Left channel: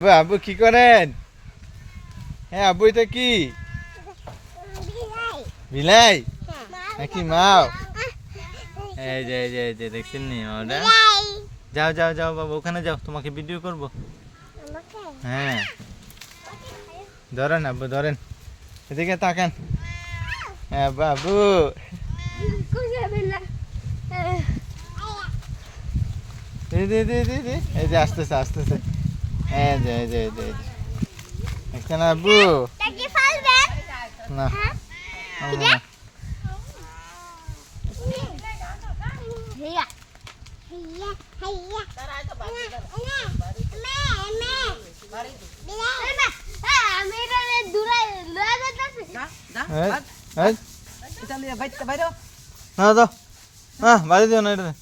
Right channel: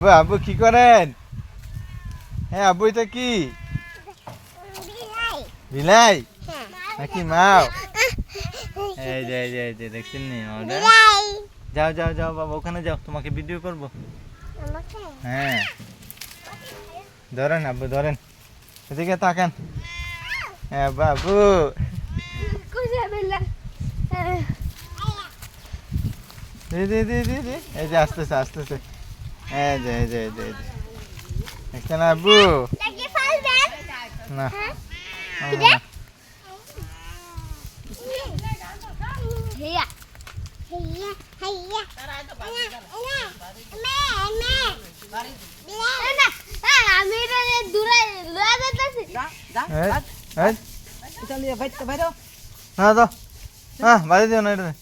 আব্বু কি করেন? হ্যাঁ আব্বু এটা কি? বিলাই নাকি মাও? এই যে এই যে এই যে দেখছেন নি ওটা? যাও যাও যাও বাবা ওখানে যাও, তোমাকে ভিডিও করব। হ্যাঁ ধরেন আব্বু ধরেন, এদিকে তাকান। হ্যাঁ বাবু এই যে আসতেছে আসতেছে, এই যে এই যে এই যে এই যে এখানে আব্বু না না তো, বাড়ি দিও না এটা।